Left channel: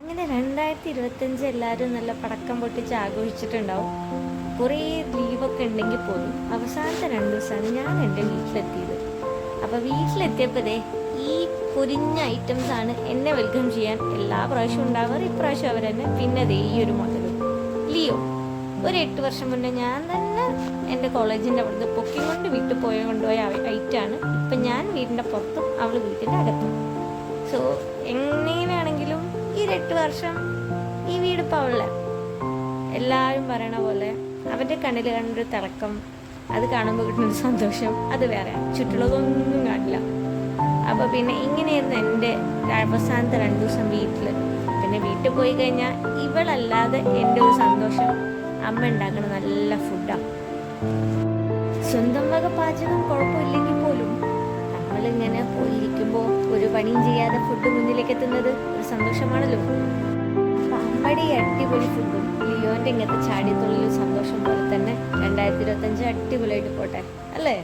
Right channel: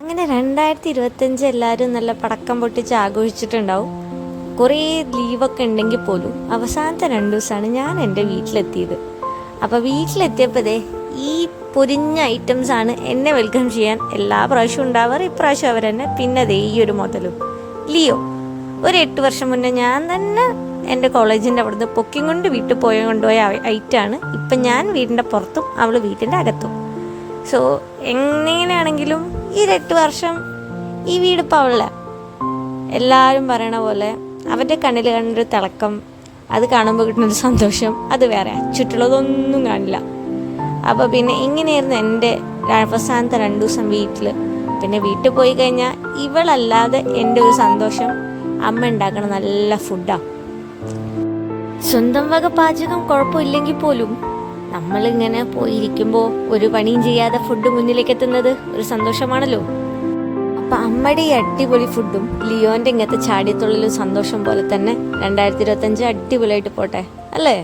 അങ്ങനെ 2025 എല്ലാവരും നല്ല പടക്കം പൊട്ടിച്ച് ആഘോഷിച്ചിട്ടുണ്ടാവും. കുറേ ലീവൊക്കെ ഉണ്ടെങ്കിൽ പോലും അവസാനത്തെ 2 ദിവസമാണ് ഞാൻ എൻ്റെ വീട്ടിലെത്തിയത്. അപ്പോൾ വീട്ടിലെത്തിയപ്പോഴേ ഈ പൊരിഞ്ഞ ഐറ്റംസാണ് എന്നെ വെൽക്കം ചെയ്യാൻ എല്ലാ പ്രാവശ്യവും ഉണ്ടാവാറ്. ഇപ്രാവശ്യം അവർ തന്നെ. പിന്നെ ദേ ഈ ഒരു മുതലും ലിയോ. ഒരു 8 വർഷം മുന്നേ ഞാൻ തന്നെ എൻ്റെ കോളേജിൻ്റെ അവിടുന്ന് പൊക്കിയും കൊണ്ട് വീട്ടിൽ കൊണ്ടുപോയ ഐറ്റാണ്. ഇപ്പം ഞാൻ വീടിൻ്റെ പുറത്തും അവൾ വീട്ടിൻ്റെ അകത്തും. സോ എങ്ങനെയാണെങ്കിലും ഈ 8 വർഷം ഈ വീടിപ്പോൾ അവളെ എല്ലാവരും പറയണ പോലെ അവൻ്റെ കണ്ണിൽ കണ്ടൊരു തിളക്കം, അത് കാണുമ്പോൾ കിട്ടുന്നൊരു സന്തോഷം അത് വേറെ. ചുറ്റുള്ളതൊന്നും കാണില്ല. അപ്പോൾ പിന്നെ ഇങ്ങനെയായിരുന്നു എൻ്റെ അവസാനത്തെ 2 ദിവസം വീട്ടിൽ. പിന്നെ വീട്ടിൽ പോയി കഴിഞ്ഞാൽ ഇവളല്ലാതെ എൻ്റെ ഒരു സന്തോഷം അമ്മ ഉണ്ടാക്കണ നല്ല ഫുഡാണ്. സ്വന്തം വക പാചകം കുഴപ്പമില്ലെങ്കിൽ പോലും നമ്മളിങ്ങനെ പോയിരിക്കുമ്പോൾ ഒരു പണിയും ചെയ്യാതെ ഫുഡ് മുന്നിലേക്ക് എത്തുന്നത് ഒരു സന്തോഷമാണല്ലോ. അപ്പം അമ്മയുടെ ഈ അടിപൊളി ഫുഡും ലിയോൻ്റെ ഇങ്ങനത്തെ ചാടിയത്തുള്ളൊരു സന്തോഷം പോലെ തന്നെ 2025 അടിപൊളിയായിട്ട് പോട്ടെ അല്ലേ?